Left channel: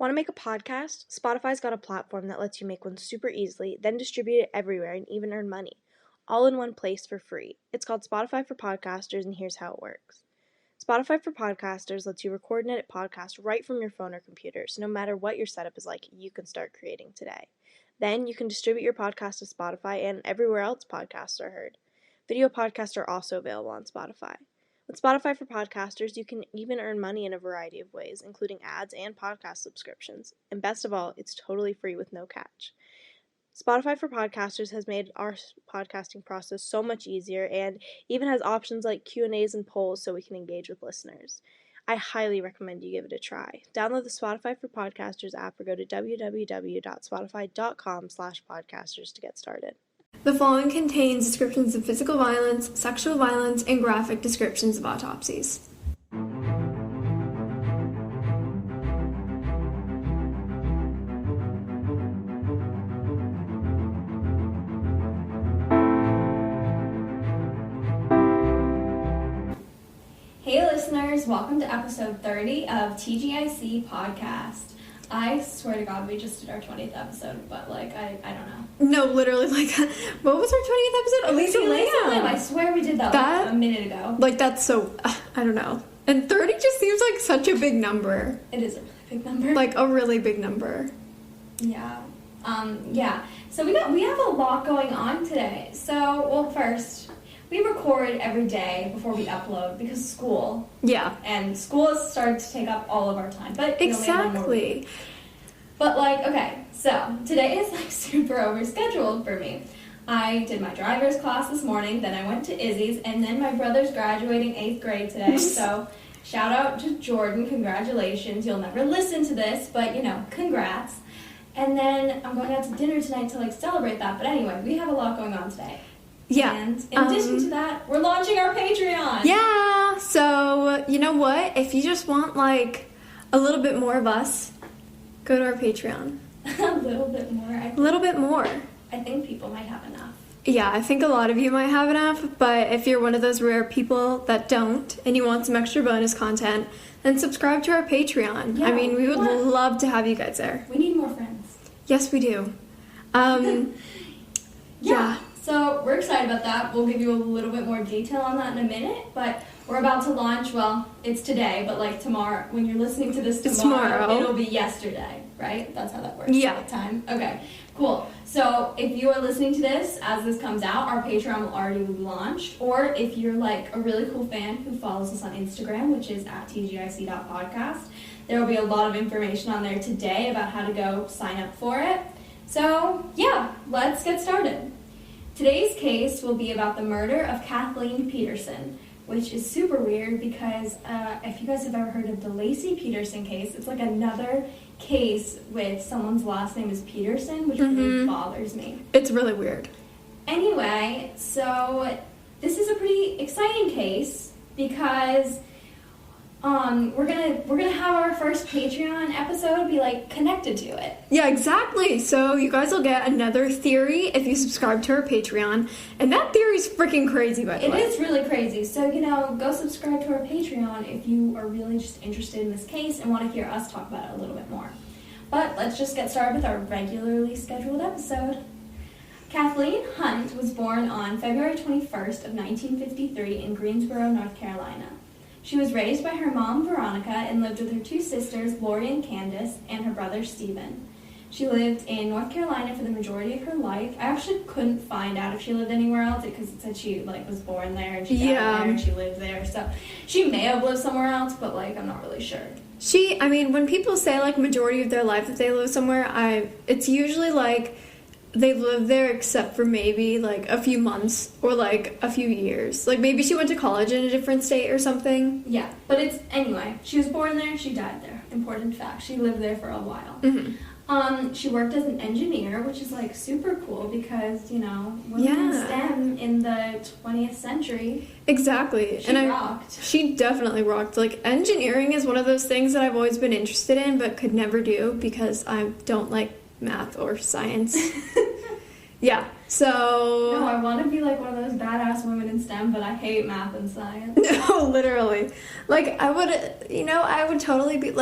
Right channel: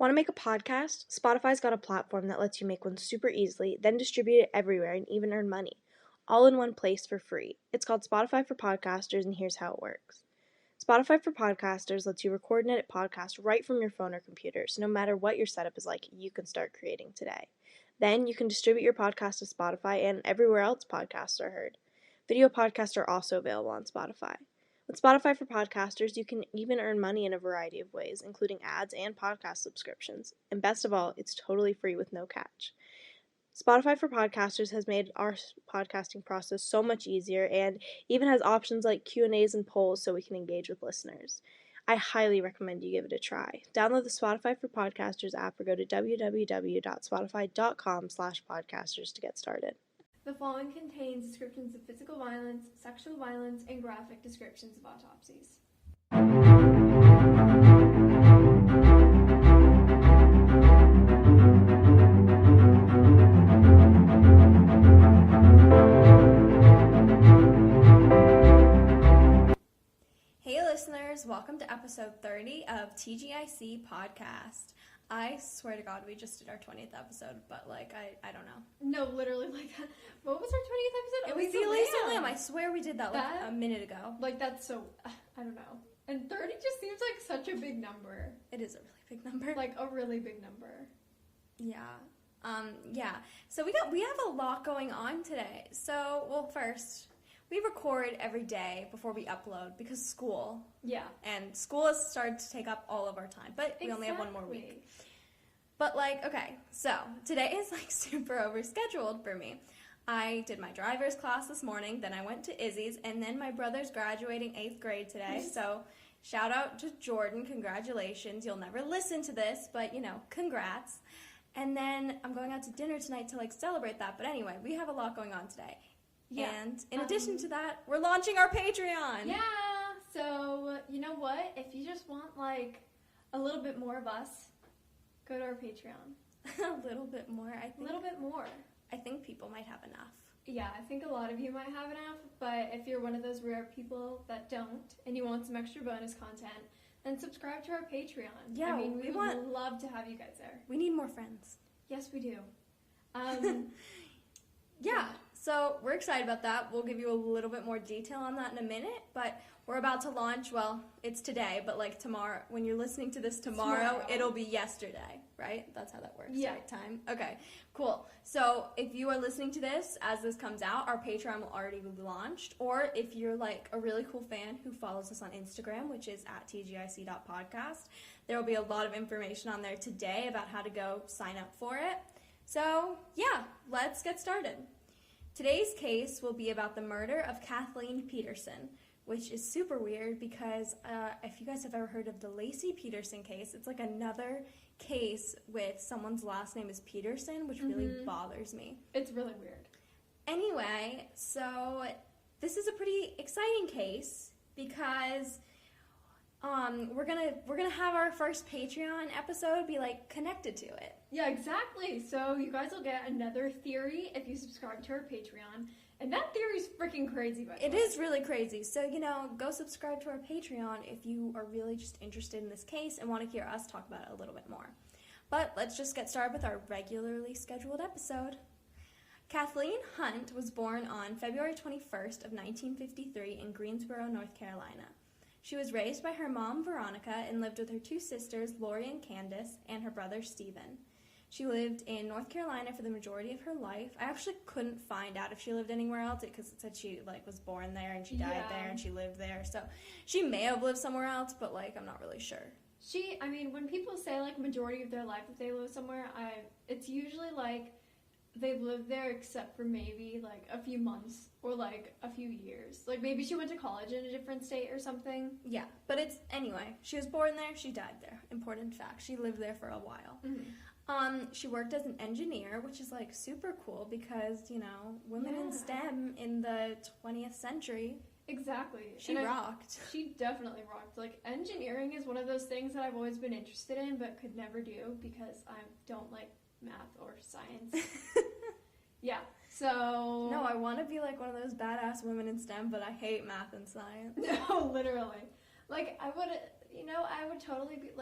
Want to make a podcast? Spotify's got a platform that lets you make one super easily, then distribute it everywhere and even earn money, all in one place for free. It's called Spotify for Podcasters, and here's how it works. Spotify for Podcasters lets you record and edit podcasts right from your phone or computer, so no matter what your setup is like, you can start creating today. Then you can distribute your podcast to Spotify and everywhere else podcasts are heard. Video podcasts are also available on Spotify. With Spotify for Podcasters, you can even earn money in a variety of ways, including ads and podcast subscriptions. And best of all, it's totally free with no catch. Spotify for Podcasters has made our podcasting process so much easier and even has options like Q&As and polls so we can engage with listeners. I highly recommend you give it a try. Download the Spotify for Podcasters app or go to www.spotify.com/podcasters to get started. The following contains descriptions of physical violence, sexual violence, and graphic descriptions of autopsies. Hey listeners, welcome to episode 30 of TGIC Podcast. I swear to God, we just did our 20th episode, but, I don't know. No, literally, what was our 20th episode? Elisa Lamb. I swear we did that a minute ago. That's so, I don't know. And 30 just seems like such a big number. It is a really big number. A really big number. Yeah. So we have a lot going on today. So, first, we record every day before we upload because school. Yeah. And school has started to take up all of our time. But exactly. But okay, so today is super overscheduled for me. I did my driver's class this morning, then I went to Izzy's, and then my brother's graduating 8th grade today. So shout out to Jordan, congratulations. You'll never listen to this, but congrats. And then I'm going out to dinner tonight to celebrate that. But anyway, we have a lot going on today. Yeah. And in addition to that, we're launching our Patreon. Yeah. So, you know what? If you just want, a little bit more of us, go to our Patreon. A little bit more. A little bit more. I think people might have enough. Yeah, I think a lot of you might have enough, but if you're one of those rare people that don't and you want some extra bonus content, then subscribe to our Patreon. Yeah, we would love to have you guys there. We need more friends. Yes, we do. Yeah. So we're excited about that. We'll give you a little bit more detail on that in a minute, but we're about to launch, it's today, but tomorrow, when you're listening to this tomorrow, it'll be yesterday, right? That's how that works. Yeah. Time. Okay, cool. So if you are listening to this as this comes out, our Patreon will already be launched, or if you're a really cool fan who follows us on Instagram, which is at tgic.podcast, there will be a lot of information on there today about how to go sign up for it. So yeah, let's get started. Today's case will be about the murder of Kathleen Peterson, which is super weird because if you guys have ever heard of the Lacey Peterson case, it's another case with someone's last name is Peterson, which really bothers me. It's really weird. Anyway, so this is a pretty exciting case because we're gonna have our first Patreon episode be connected to it. Yeah, exactly. So you guys will get another theory if you subscribe to our Patreon, and that theory's freaking crazy, by the way. It is really crazy. So go subscribe to our Patreon if you are really just interested in this case and want to hear us talk about it a little bit more. But let's just get started with our regularly scheduled episode. Kathleen Hunt was born on February 21st of 1953 in Greensboro, North Carolina. She was raised by her mom, Veronica, and lived with her two sisters, Lori and Candace, and her brother, Stephen. She lived in North Carolina for the majority of her life. I actually couldn't find out if she lived anywhere else because it said she, was born there and she died there and she lived there. So she may have lived somewhere else, but, I'm not really sure. When people say, majority of their life that they live somewhere, it's usually, they live there except for maybe, a few months or, a few years. Maybe she went to college in a different state or something. Yeah, but anyway, she was born there, she died there. Important fact. She lived there for a while. Mm-hmm. She worked as an engineer, which is, super cool because, women in STEM in the 20th century. Exactly. She rocked. She definitely rocked. Engineering is one of those things that I've always been interested in but could never do because I don't like math or science. Yeah, so... No, I want to be one of those badass women in STEM, but I hate math and science. No, literally. I would totally be,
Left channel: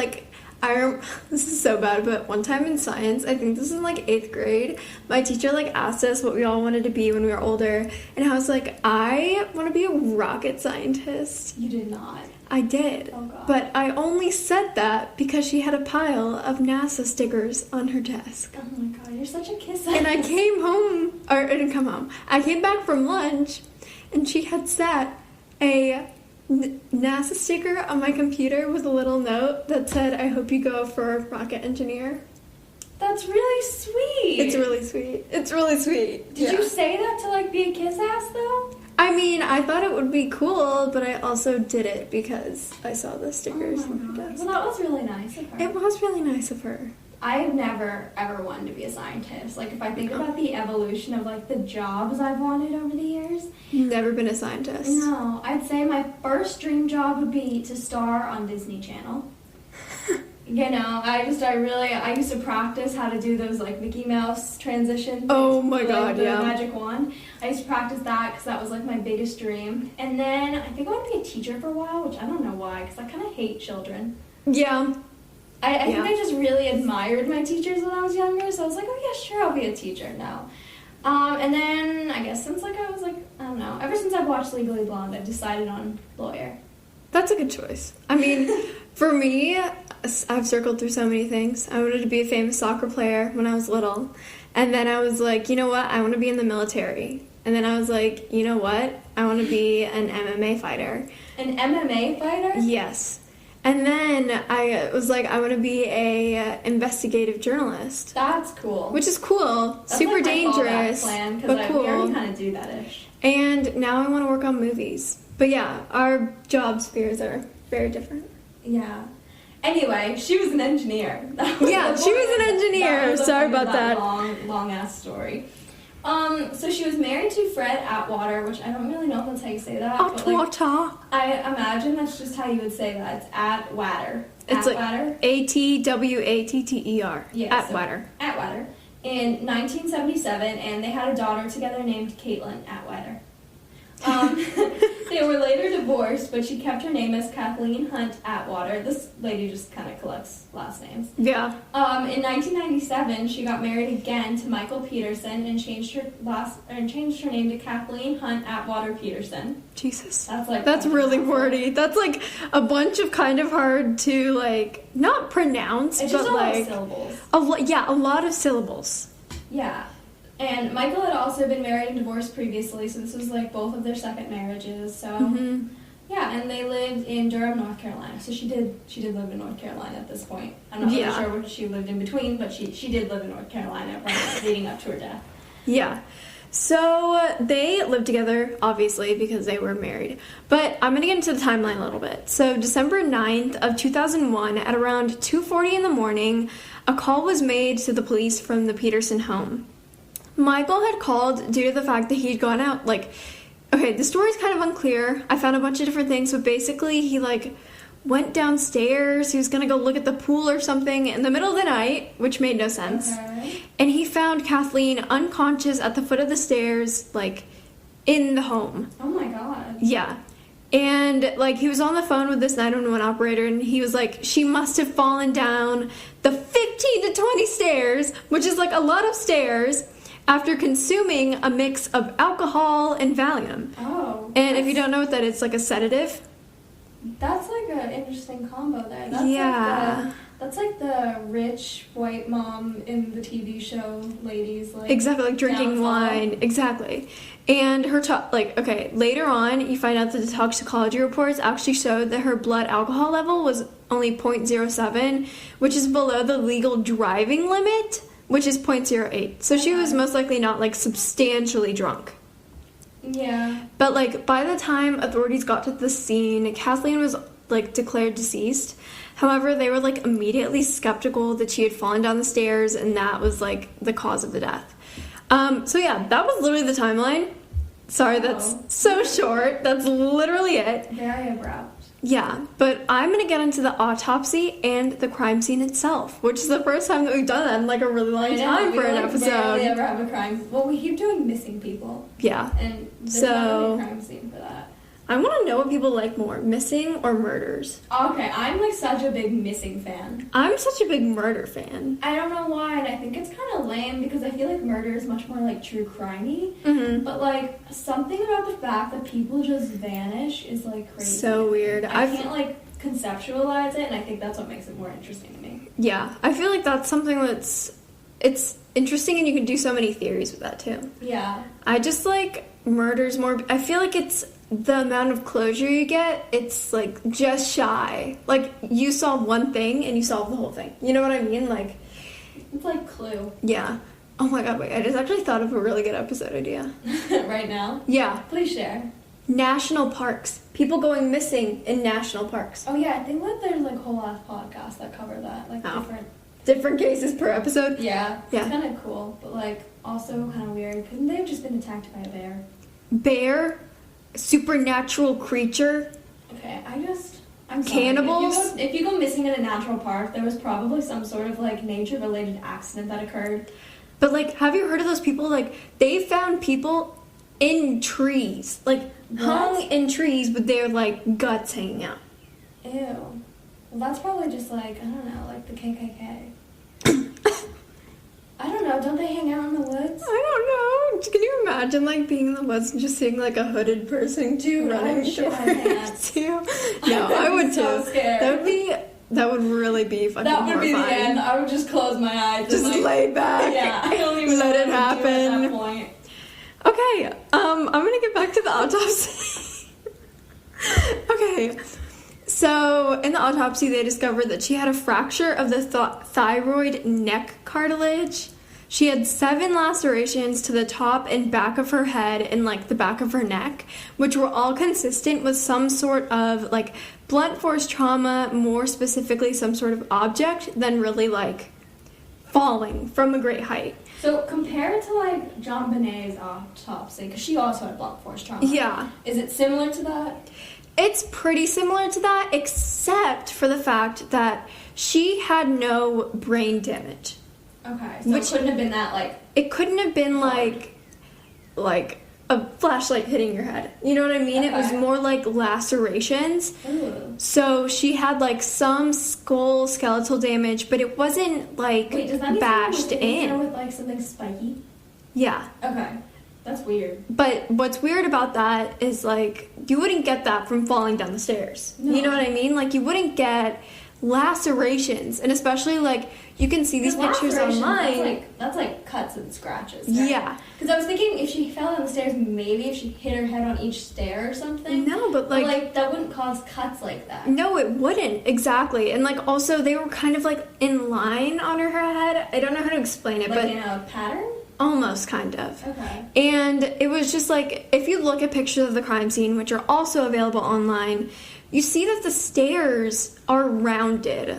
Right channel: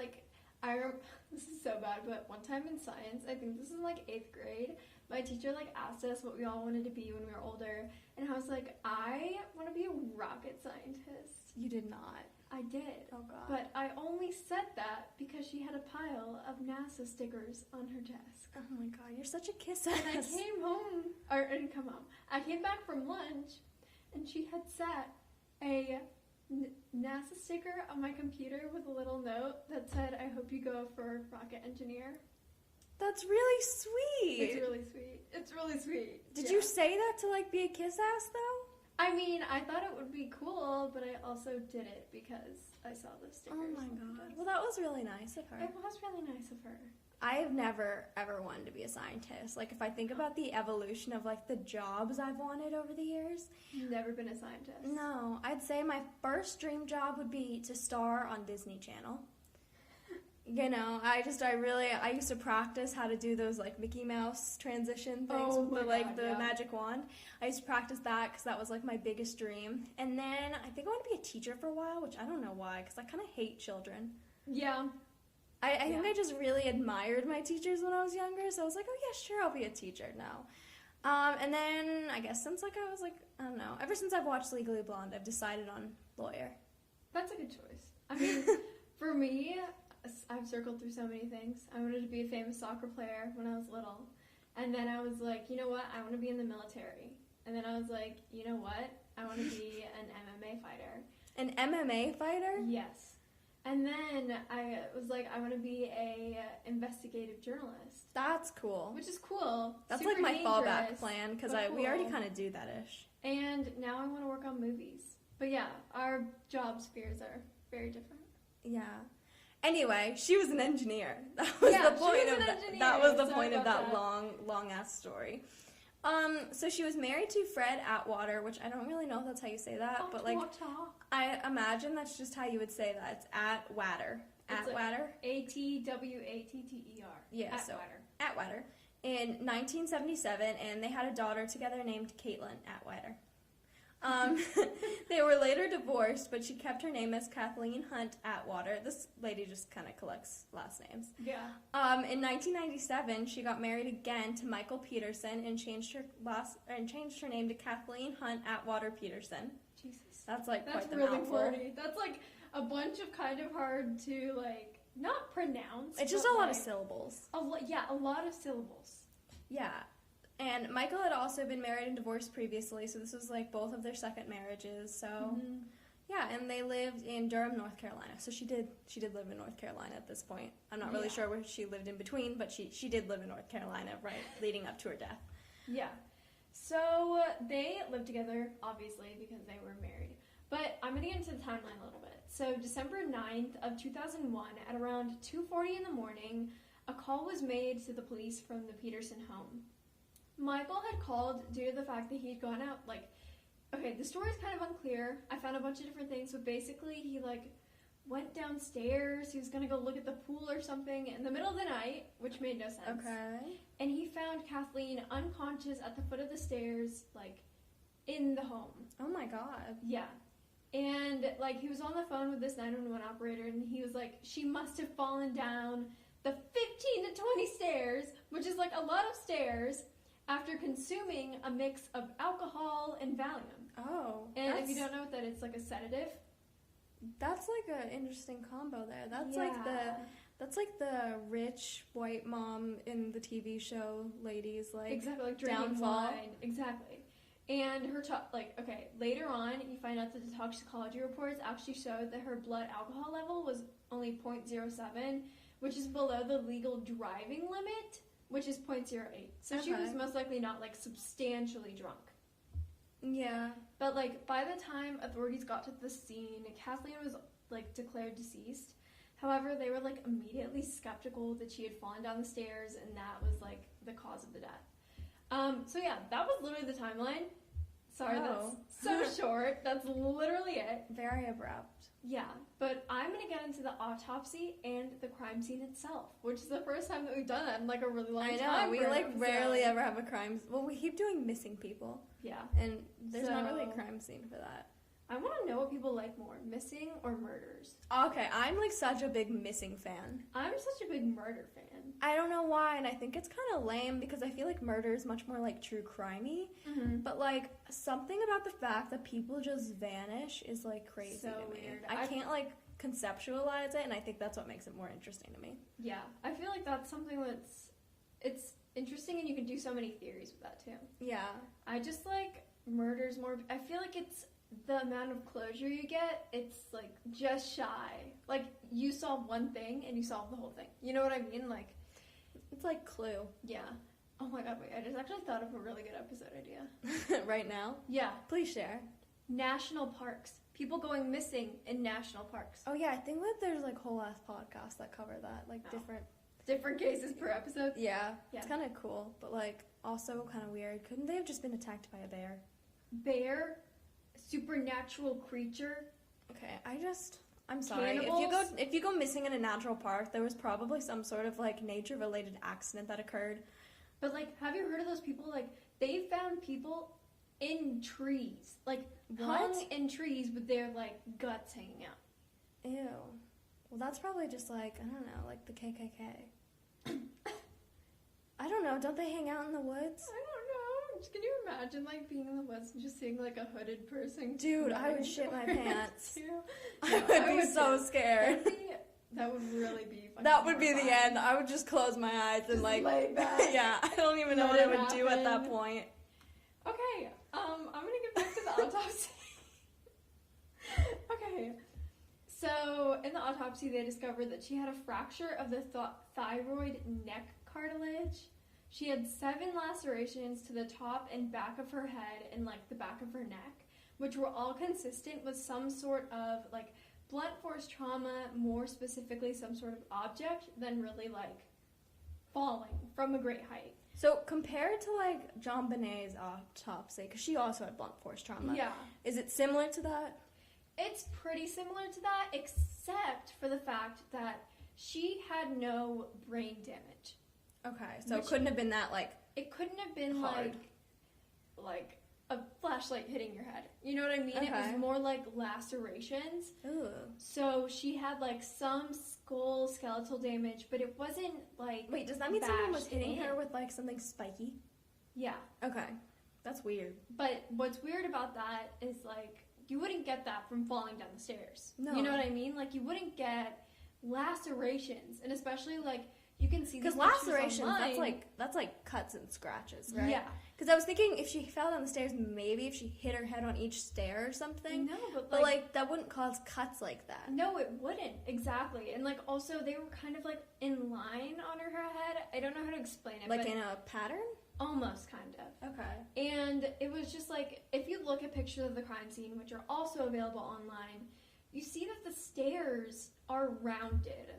This is so bad, but one time in science, I think this is in like 8th grade, my teacher like asked us what we all wanted to be when we were older, and I was like, I want to be a rocket scientist. You did not. I did. Oh, God. But I only said that because she had a pile of NASA stickers on her desk. Oh my God, you're such a kiss. And I came home, or I didn't come home. I came back from lunch, and she had set a NASA sticker on my computer with a little note that said, I hope you go for rocket engineer. That's really sweet. It's really sweet. It's really sweet. Did you say that to like be a kiss ass though? I mean, I thought it would be cool, but I also did it because I saw the stickers on her desk. Well, that was really nice of her. It was really nice of her. I've never ever wanted to be a scientist. Like if I think about the evolution of like the jobs I've wanted over the years. Never been a scientist. No, I'd say my first dream job would be to star on Disney Channel. You know, I used to practice how to do those like Mickey Mouse transitions. Oh my like, God, the yeah. magic wand. I used to practice that because that was like my biggest dream. And then I think I wanted to be a teacher for a while, which I don't know why, because I kind of hate children. Yeah. I think I just really admired my teachers when I was younger, so I was like, oh yeah, sure, I'll be a teacher now. And then I guess since like I was like, I don't know, ever since I've watched Legally Blonde, I've decided on lawyer. That's a good choice. I mean, for me, I've circled through so many things. I wanted to be a famous soccer player when I was little. And then I was like, you know what? I want to be in the military. And then I was like, you know what? I want to be an MMA fighter. An MMA fighter? Yes. And then I was like, I want to be a investigative journalist. That's cool. Which is cool. That's super like my dangerous, plan, but cool. We already kind of do that-ish. And now I want to work on movies. But yeah, our job spheres are very different. Yeah. Anyway, she was an engineer. Yeah, she was an engineer. Sorry about that. Long ass story. So she was married to Fred Atwater, which I don't really know if that's how you say that. Atwater. But like, I imagine that's just how you would say that. It's Atwater. It's Atwater. like Atwatter. Yeah, Atwater. So Atwater. In 1977, and they had a daughter together named Caitlin Atwater. They were later divorced, but she kept her name as Kathleen Hunt Atwater. This lady just kind of collects last names. Yeah. In 1997, she got married again to Michael Peterson and changed her name to Kathleen Hunt Atwater Peterson. Jesus. That's really wordy. That's like a bunch of kind of hard to like not pronounce, it's but just a lot like of syllables. A lot of syllables. Yeah. And Michael had also been married and divorced previously, so this was like both of their second marriages. So yeah, and they lived in Durham, North Carolina. So she did live in North Carolina at this point. I'm not really sure what she lived in between, but she did live in North Carolina leading up to her death. Yeah. So they lived together, obviously, because they were married. But I'm going to get into the timeline a little bit. So December 9th of 2001, at around 2:40 in the morning, a call was made to the police from the Peterson home. Michael had called due to the fact that he'd gone out, okay, the story's kind of unclear. I found a bunch of different things, but basically he, went downstairs. He was going to go look at the pool or something in the middle of the night, which made no sense. Okay. And he found Kathleen unconscious at the foot of the stairs, in the home. Oh my God. Yeah. And, he was on the phone with this 911 operator, and he was like, she must have fallen down the 15 to 20 stairs, which is, a lot of stairs, after consuming a mix of alcohol and Valium. Oh. And if you don't know what that is, a sedative. That's an interesting combo there. That's like the rich white mom in the TV show ladies. Exactly, drinking downfall. wine. Exactly. And her, later on, you find out that the toxicology reports actually showed that her blood alcohol level was only 0.07, which is below the legal driving limit, which is 0.08. So she was most likely not, substantially drunk. Yeah. But, by the time authorities got to the scene, Kathleen was, declared deceased. However, they were, immediately skeptical that she had fallen down the stairs, and that was, the cause of the death. So, yeah, that was literally the timeline. Sorry, that's so short. That's literally it. Very abrupt. Yeah, but I'm going to get into the autopsy and the crime scene itself, which is the first time that we've done that in, a really long time for an episode. We rarely ever have a crime. Well, we keep doing missing people. Yeah. And there's not a crime scene for that. I want to know what people like more, missing or murders. Okay, I'm like such a big missing fan. I'm such a big murder fan. I don't know why, and I think it's kind of lame because I feel like murder is much more like true crimey. Mm-hmm. But like something about the fact that people just vanish is like crazy. So weird. I can't like conceptualize it, and I think that's what makes it more interesting to me. Yeah, I feel like that's something it's interesting, and you can do so many theories with that too. Yeah. I just like murders more. I feel like it's the amount of closure you get, it's like just shy. Like you solve one thing and you solve the whole thing. You know what I mean? Like it's like Clue. Yeah. Oh my god, wait, I just actually thought of a really good episode idea. Right now? Yeah. Please share. National parks. People going missing in national parks. Oh yeah, I think that there's like whole ass podcasts that cover that. Like different cases per episode. Yeah. Yeah. It's kind of cool, but like also kind of weird. Couldn't they have just been attacked by a bear? Bear? Supernatural creature? Okay, I'm sorry. Cannibals? If you go missing in a natural park, there was probably some sort of like nature-related accident that occurred. But like, have you heard of those people? Like, they found people in trees, like hung in trees with their like guts hanging out. Ew. Well, that's probably just like, I don't know, like the KKK. I don't know. Don't they hang out in the woods? I don't know. Can you imagine like being in the woods and just seeing like a hooded person Dude, running I'd shit my pants. you? No, I would so too. Scared. That would really be fucking That would horrifying. be the end. I would just close my eyes. Just and, like, lay back. Yeah, I don't even let know it what I would do happen. at that point. Okay, I'm gonna get back to the autopsy. Okay, so in the autopsy, they discovered that she had a fracture of the thyroid neck cartilage. She had 7 lacerations to the top and back of her head and like the back of her neck, which were all consistent with some sort of like blunt force trauma, more specifically some sort of object than really like falling from a great height. So compared to like John Bonet's autopsy, because she also had blunt force trauma. Yeah. Is it similar to that? It's pretty similar to that, except for the fact that she had no brain damage. Okay, so it couldn't have been that like... It couldn't have been like a flashlight hitting your head. You know what I mean? Okay. It was more like lacerations. Ooh. So she had like some skull skeletal damage, but it wasn't like Wait, does that mean bashed someone was hitting her in. with like something spiky? Yeah. Okay, that's weird. But what's weird about that is like you wouldn't get that from falling down the stairs. No. You know what I mean? Like you wouldn't get lacerations, and especially like you can see these pictures online. That's like cuts and scratches, right? Yeah. Because I was thinking if she fell down the stairs, maybe if she hit her head on each stair or something. No, but like that wouldn't cause cuts like that. no, it wouldn't. Exactly. And like also they were kind of like in line on her head. I don't know how to explain it, Like but in a pattern? almost kind of. Okay. And it was just like if you look at pictures of the crime scene, which are also available online, you see that the stairs are rounded.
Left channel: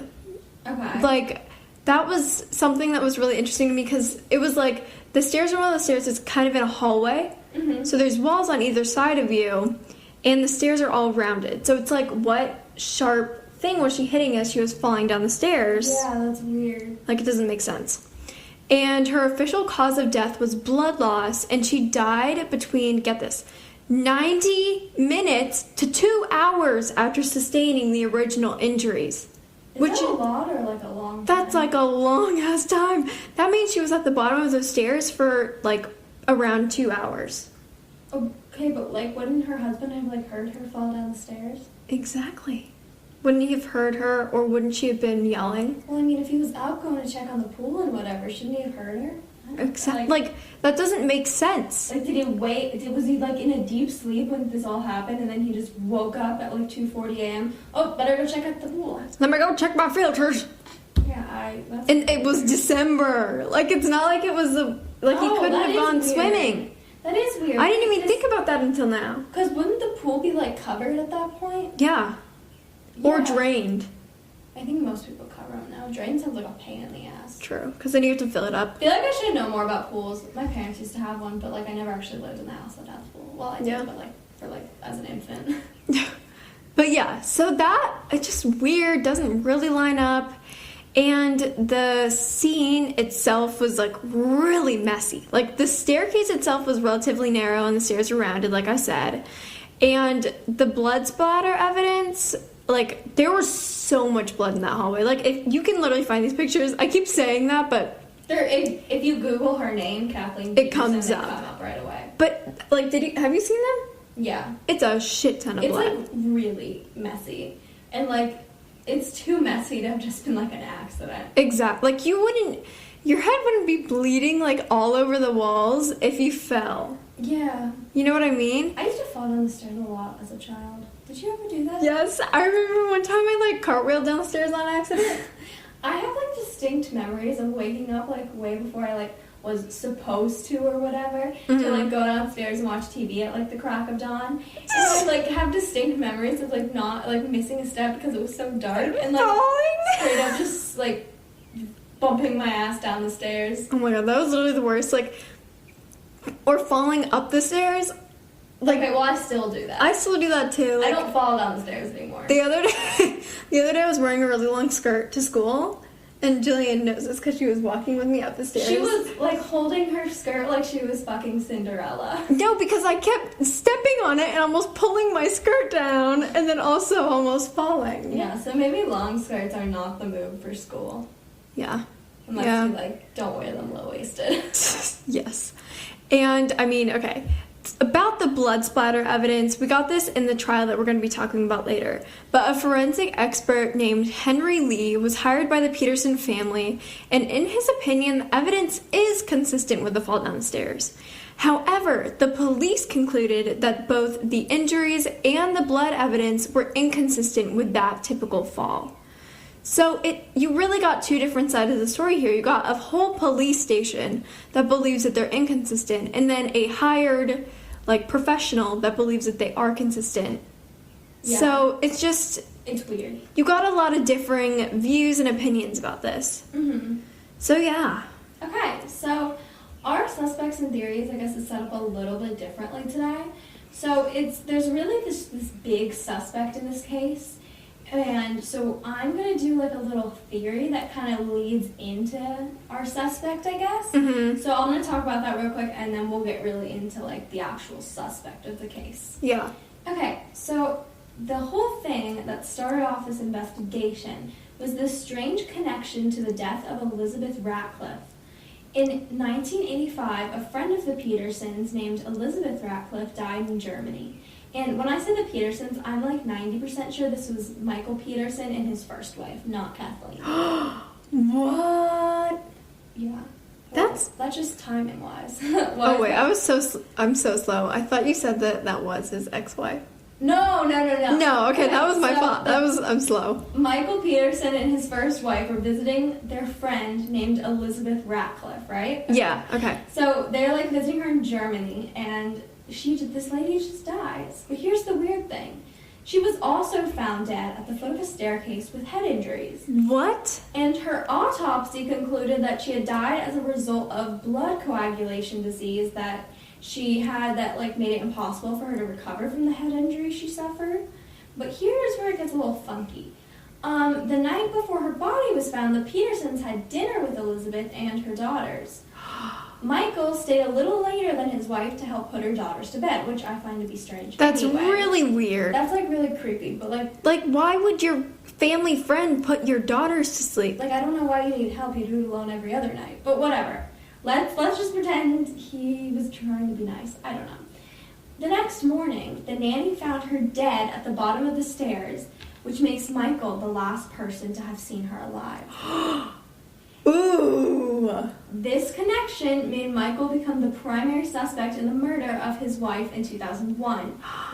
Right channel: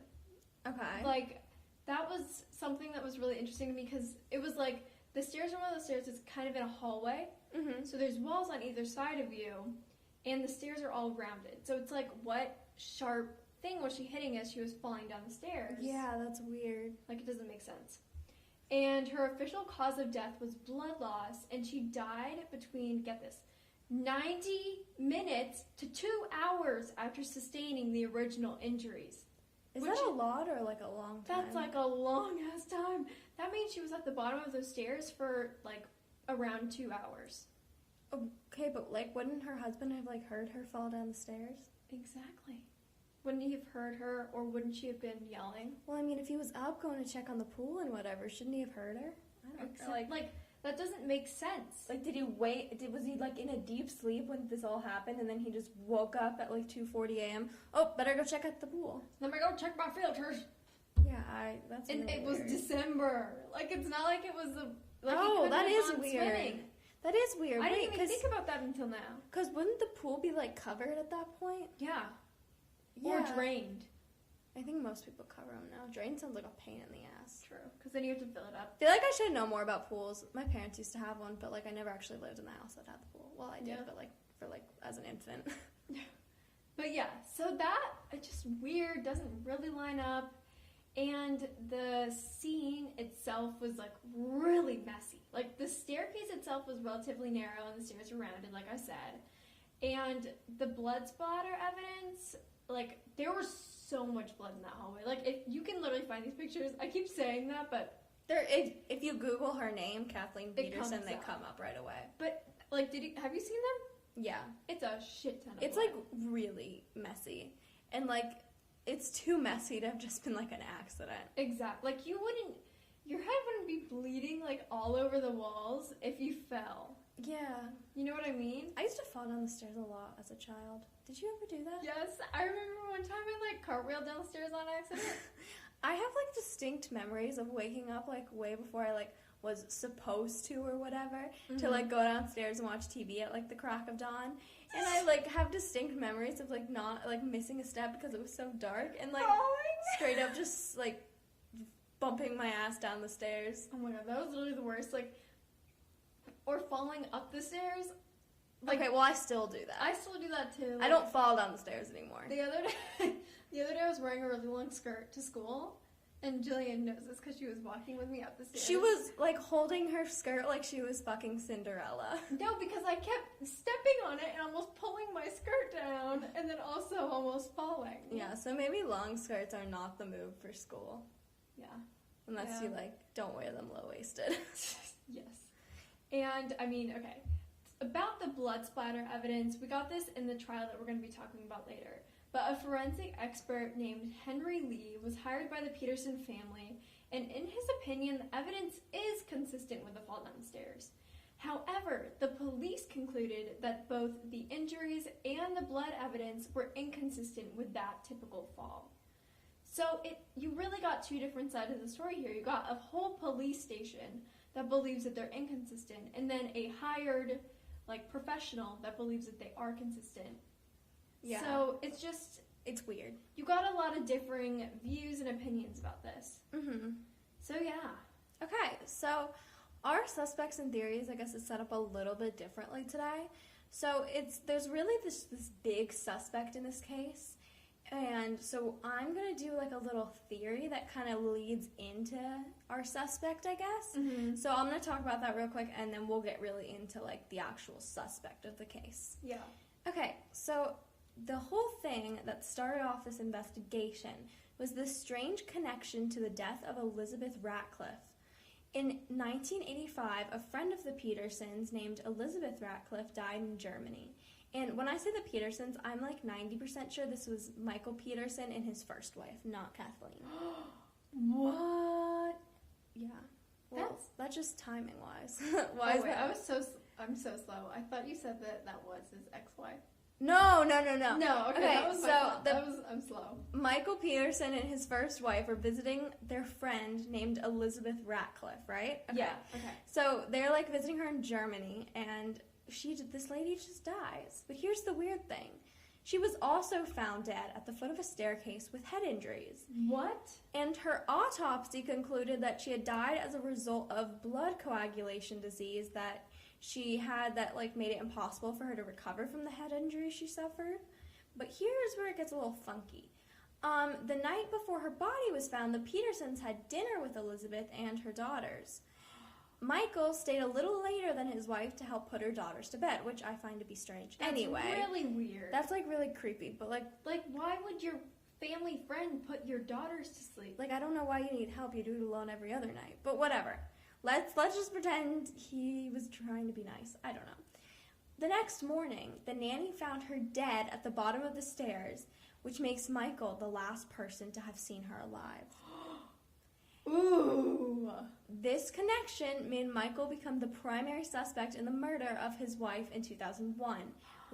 Okay. Like that was something that was really interesting to me because it was like the stairs are one of the stairs that's kind of in a hallway. Mm-hmm. So there's walls on either side of you, and the stairs are all rounded. So it's like, what sharp thing was she hitting as she was falling down the stairs? Yeah, that's weird. Like, it doesn't make sense. And her official cause of death was blood loss, and she died between, get this, 90 minutes to 2 hours after sustaining the original injuries. Is that a lot or like a long time? That's like a long ass time. That means she was at the bottom of those stairs for like around 2 hours. Okay, but like wouldn't her husband have like heard her fall down the stairs? Exactly. Wouldn't he have heard her, or wouldn't she have been yelling? Well, I mean, if he was out going to check on the pool and whatever, shouldn't he have heard her? Exactly. Like that doesn't make sense. Like, did he wait? Was he like in a deep sleep when this all happened, and then he just woke up at like 2:40 a.m.? Oh, better go check out the pool. Let me go check my filters. Yeah, that's And weird. it was December. Like it's not like it was he couldn't that have is gone weird. swimming. That is weird. I didn't even think about that until now. Because wouldn't the pool be like covered at that point? Yeah. Or Yeah. drained. I think most people cover them now. Drain sounds like a pain in the ass. True. Because then you have to fill it up. I feel like I should know more about pools. My parents used to have one, but like I never actually lived in the house that had the pool. Well, I did, Yeah. but like for like as an infant. But yeah, so that, it's just weird, doesn't really line up. And the scene itself was like really messy. Like the staircase itself was relatively narrow and the stairs were rounded, like I said. And the blood splatter evidence, like, there was so much blood in that hallway. Like, if you can literally find these pictures. I keep saying that, but... If you Google her name, Kathleen Peterson, it comes up. come up right away. But, like, have you seen them? Yeah. It's a shit ton of blood. It's, like, really messy. And, like, it's too messy to have just been, like, an accident. Exactly. Like, your head wouldn't be bleeding, like, all over the walls if you fell. Yeah. You know what I mean? I used to fall down the stairs a lot as a child. Did you ever do that? Yes. I remember one time I, like, cartwheeled downstairs on accident. I have, like, distinct memories of waking up, like, way before I, like, was supposed to or whatever, to, like, go downstairs and watch TV at, like, the crack of dawn. And I, like, have distinct memories of, like, not, like, missing a step because it was so dark. And, like, straight up just, like, bumping my ass down the stairs. Oh my god, that was literally the worst. Like, or falling up the stairs. Like, okay, well, I still do that. I still do that too. Like, I don't fall down the stairs anymore. The other day I was wearing a really long skirt to school, and Jillian knows this because she was walking with me up the stairs. She was, like, holding her skirt like she was fucking Cinderella. No, because I kept stepping on it and almost pulling my skirt down, and then also almost falling. Yeah, so maybe long skirts are not the move for school. Yeah. Unless you, like, don't wear them low-waisted. Yes. And, I mean, okay. About the blood splatter evidence, we got this in the trial that we're going to be talking about later, but a forensic expert named Henry Lee was hired by the Peterson family, and in his opinion, the evidence is consistent with the fall down the stairs. However, the police concluded that both the injuries and the blood evidence were inconsistent with that typical fall. So you really got two different sides of the story here. You got a whole police station that believes that they're inconsistent, and then a hired, like, professional that believes that they are consistent. Yeah. So it's weird. You got a lot of differing views and opinions about this. Mm-hmm. So yeah. Okay, so our suspects and theories, I guess, is set up a little bit differently today. So there's really this big suspect in this case. And so I'm going to do, like, a little theory that kind of leads into our suspect, I guess. Mm-hmm. So I'm going to talk about that real quick, and then we'll get really into, like, the actual suspect of the case. Yeah. Okay, so the whole thing that started off this investigation was this strange connection to the death of Elizabeth Ratcliffe. In 1985, a friend of the Petersons named Elizabeth Ratcliffe died in Germany. And when I say the Petersons, I'm like 90% sure this was Michael Peterson and his first wife, not Kathleen. What? Yeah. Well, that's just timing wise. Oh wait, I'm so slow. I thought you said that was his ex-wife. No. No, okay, that was my fault. I'm slow. Michael Peterson and his first wife were visiting their friend named Elizabeth Ratcliffe, right? Yeah, okay. So they're, like, visiting her in Germany, and this lady just dies. But here's the weird thing. She was also found dead at the foot of a staircase with head injuries. What? And her autopsy concluded that she had died as a result of blood coagulation disease that she had that, like, made it impossible for her to recover from the head injury she suffered. But here's where it gets a little funky. The night before her body was found, the Petersons had dinner with Elizabeth and her daughters. Michael stayed a little later than his wife to help put her daughters to bed, which I find to be strange. That's anyway. really weird. That's, like, really creepy, but, like, why would your family friend put your daughters to sleep? Like, I don't know why you need help. You do it alone every other night. But whatever. Let's just pretend he was trying to be nice. I don't know. The next morning, the nanny found her dead at the bottom of the stairs, which makes Michael the last person to have seen her alive. Ooh. This connection made Michael become the primary suspect in the murder of his wife in 2001,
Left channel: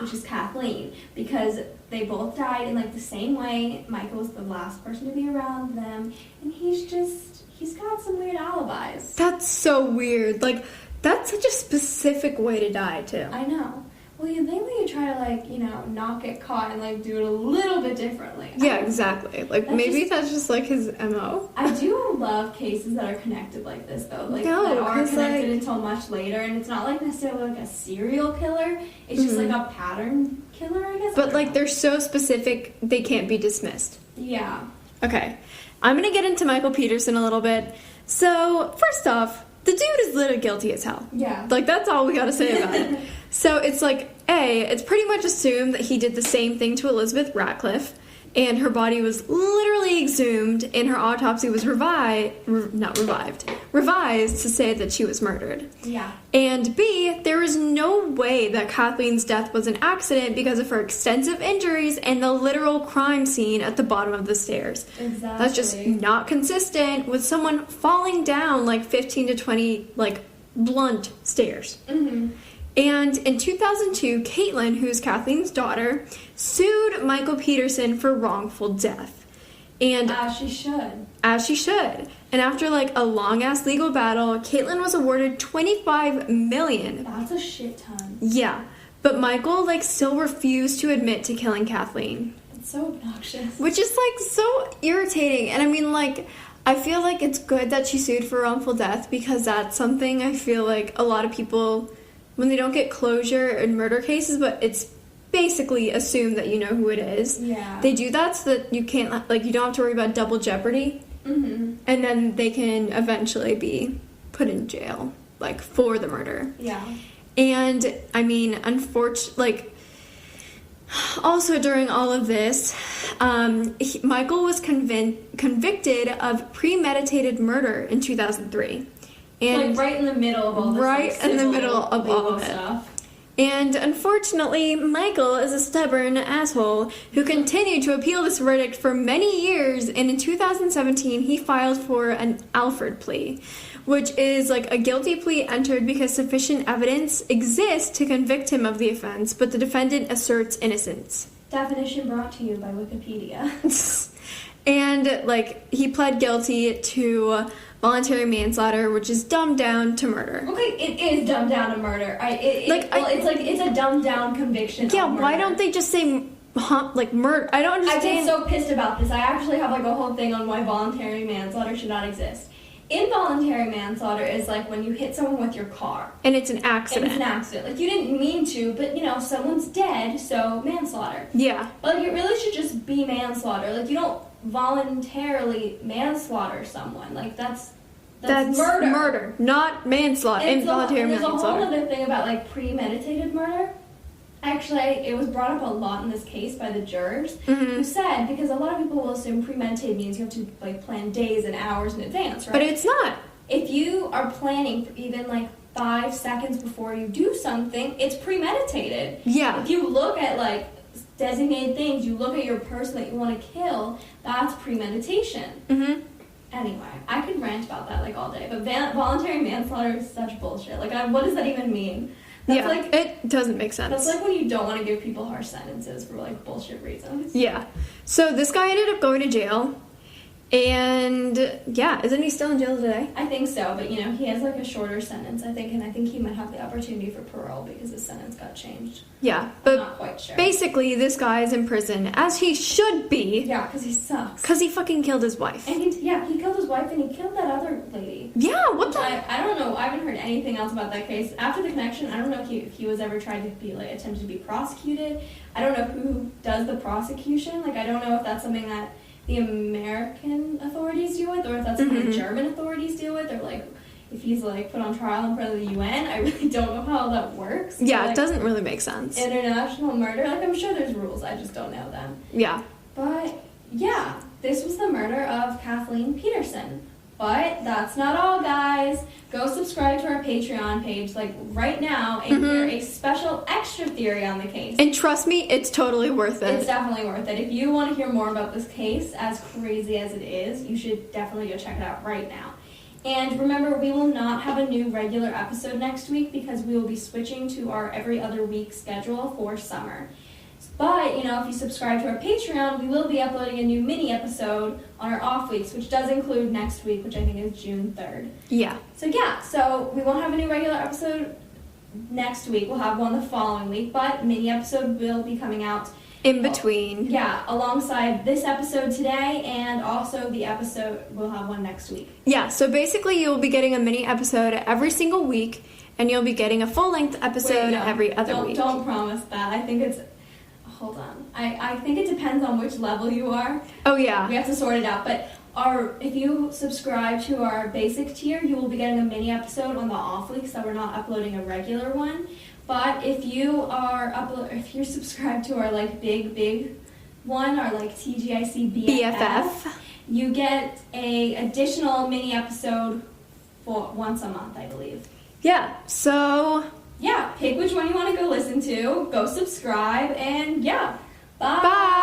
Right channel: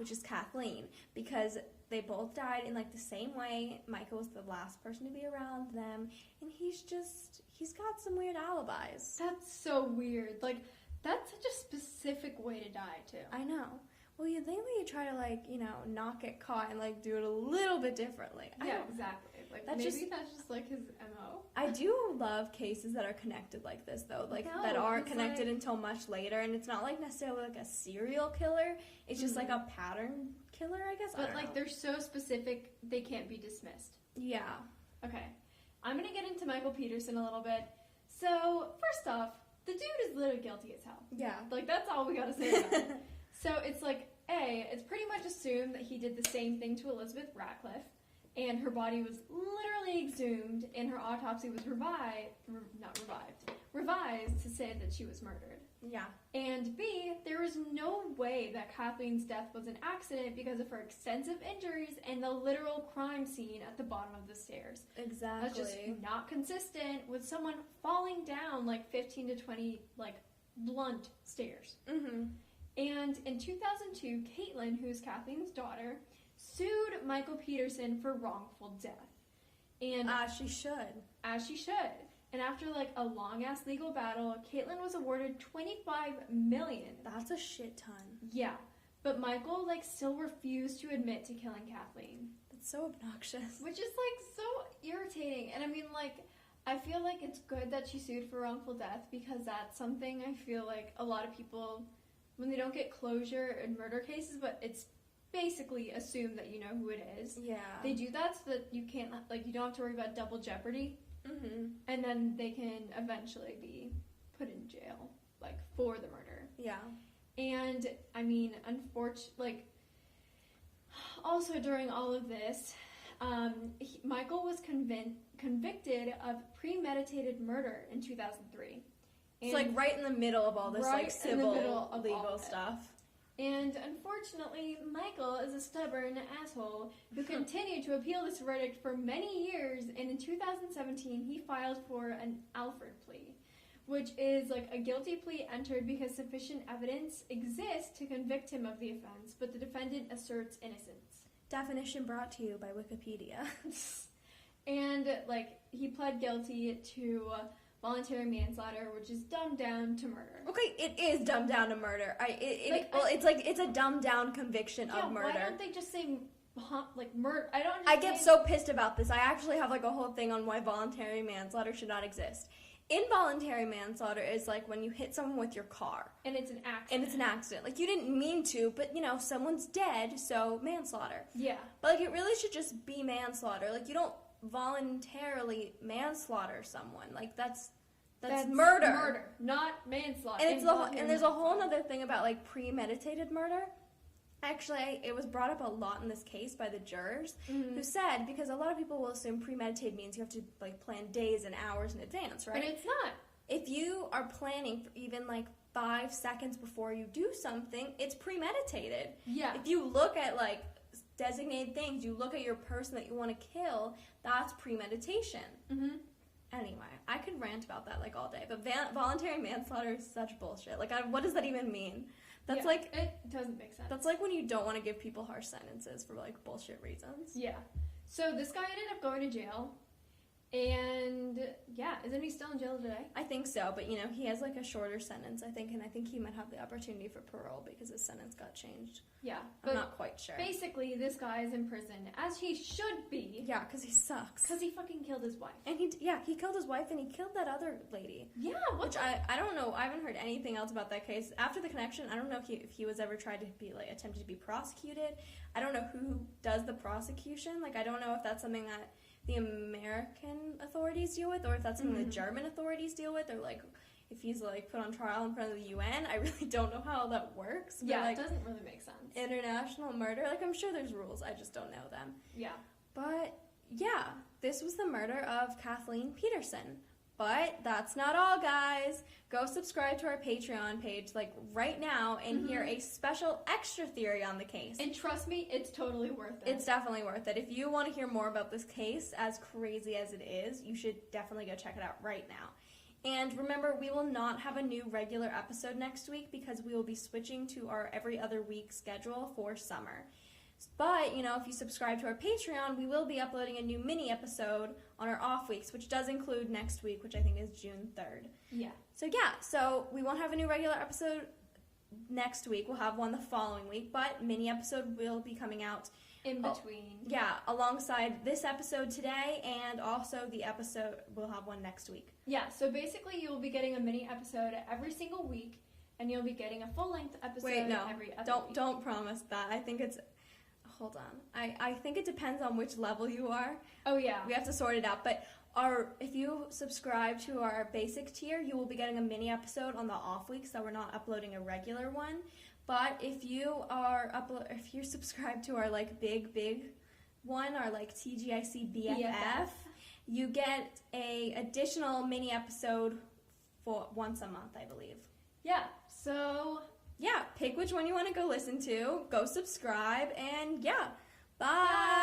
which is Kathleen, because they both died in, like, the same way. Michael was the last person to be around them, and he's got some weird alibis. That's so weird. Like, that's such a specific way to die, too. I know. Well, you think that you try to, like, you know, not get caught and, like, do it a little bit differently. Yeah, exactly. Like, that's just, like, his MO. I do love cases that are connected like this, though. Like, no, that aren't connected like, until much later, and it's not, like, necessarily, like, a serial killer. It's just, like, a pattern killer, I guess. But, like, they're so specific, they can't be dismissed. Yeah. Okay. I'm gonna get into Michael Peterson a little bit. So, first off, the dude is literally guilty as hell. Yeah. Like, that's all we gotta say about it. So, it's like, it's pretty much assumed that he did the same thing to Elizabeth Ratcliffe, and her body was literally exhumed, and her autopsy was revised to say that she was murdered. Yeah. And B, there is no way that Kathleen's death was an accident because of her extensive injuries and the literal crime scene at the bottom of the stairs. Exactly. That's just not consistent with someone falling down like 15 to 20, like, blunt stairs. Mm-hmm. And in 2002, Caitlin, who's Kathleen's daughter, sued Michael Peterson for wrongful death. And As she should. As she should. And after like a long-ass legal battle, Caitlin was awarded $25 million. That's a shit ton. Yeah. But Michael like still refused to admit to killing Kathleen. It's so obnoxious. Which is like so irritating. And I mean, like, I feel like it's good that she sued for wrongful death because that's something I feel like a lot of people, when they don't get closure in murder cases, but it's basically assumed that you know who it is. Yeah. They do that so that you can't, like, you don't have to worry about double jeopardy. Mm-hmm. And then they can eventually be put in jail, like, for the murder. Yeah. And, I mean, unfortunately, like, also during all of this, Michael was convicted of premeditated murder in 2003. And like right in the middle of all this. Right like, in the civil middle of all of it. stuff. And unfortunately, Michael is a stubborn asshole who continued to appeal this verdict for many years, and in 2017 he filed for an Alford plea, which is like a guilty plea entered because sufficient evidence exists to convict him of the offense, but the defendant asserts innocence. Definition brought to you by Wikipedia. And like he pled guilty to voluntary manslaughter, which is dumbed down to murder. Okay, it is dumbed down to murder. It's a dumbed down conviction. Yeah, of murder. why don't they just say like murder? I don't I understand. get so pissed about this. I actually have like a whole thing on why voluntary manslaughter should not exist. Involuntary manslaughter is like when you hit someone with your car. And it's an accident. It's an accident. Like you didn't mean to, but you know, someone's dead, so manslaughter. Yeah. But like it really should just be manslaughter. Like you don't voluntarily manslaughter someone. Like that's murder. Murder, not manslaughter. Involuntary There's a manslaughter. whole other thing about like premeditated murder. Actually, it was brought up a lot in this case by the jurors who said, because a lot of people will assume premeditated means you have to like plan days and hours in advance, right? But it's not. If you are planning for even like 5 seconds before you do something, it's premeditated. Yeah. If you look at like designated things, you look at your person that you want to kill, that's premeditation. Mm-hmm. Anyway, I could rant about that like all day, but voluntary manslaughter is such bullshit. Like, what does that even mean? That's yeah, like, it doesn't make sense. That's like when you don't want to give people harsh sentences for like bullshit reasons. Yeah. So this guy ended up going to jail. And yeah, isn't he still in jail today? I think so, but you know, he has like a shorter sentence, I think, and I think he might have the opportunity for parole because his sentence got changed. Yeah, but I'm but not quite sure. Basically, this guy is in prison, as he should be. Yeah, because he sucks. Because he fucking killed his wife. And he killed his wife and he killed that other lady. Yeah, what the? I don't know. I haven't heard anything else about that case. After the connection, I don't know if he was ever tried to be like attempted to be prosecuted. I don't know who does the prosecution. Like, I don't know if that's something that the American authorities deal with, or if that's something the German authorities deal with, or like if he's like put on trial in front of the UN. I really don't know how that works. Yeah, like, it doesn't really make sense. International murder, like I'm sure there's rules, I just don't know them. Yeah. But yeah, this was the murder of Kathleen Peterson. But that's not all, guys. Go subscribe to our Patreon page, like, right now, and hear a special extra theory on the case. And trust me, it's totally worth it. It's definitely worth it. If you want to hear more about this case, as crazy as it is, you should definitely go check it out right now. And remember, we will not have a new regular episode next week because we will be switching to our every other week schedule for summer. But, you know, if you subscribe to our Patreon, we will be uploading a new mini episode on our off weeks, which does include next week, which I think is June 3rd. Yeah. So we won't have a new regular episode next week. We'll have one the following week, but mini episode will be coming out in between. Yeah, alongside this episode today, and also the episode, we'll have one next week. Yeah, so basically you'll be getting a mini episode every single week, and you'll be getting a full-length episode every other week. Don't promise that. I think it's... Hold on. I think it depends on which level you are. Oh, yeah. We have to sort it out, but if you subscribe to our basic tier, you will be getting a mini episode on the off weeks, so we're not uploading a regular one. But if if you're subscribed to our like big one, our like TGIC BFF, you get a additional mini episode for once a month, I believe. Yeah, so yeah, pick which one you want to go listen to, go subscribe, and yeah, bye. Bye.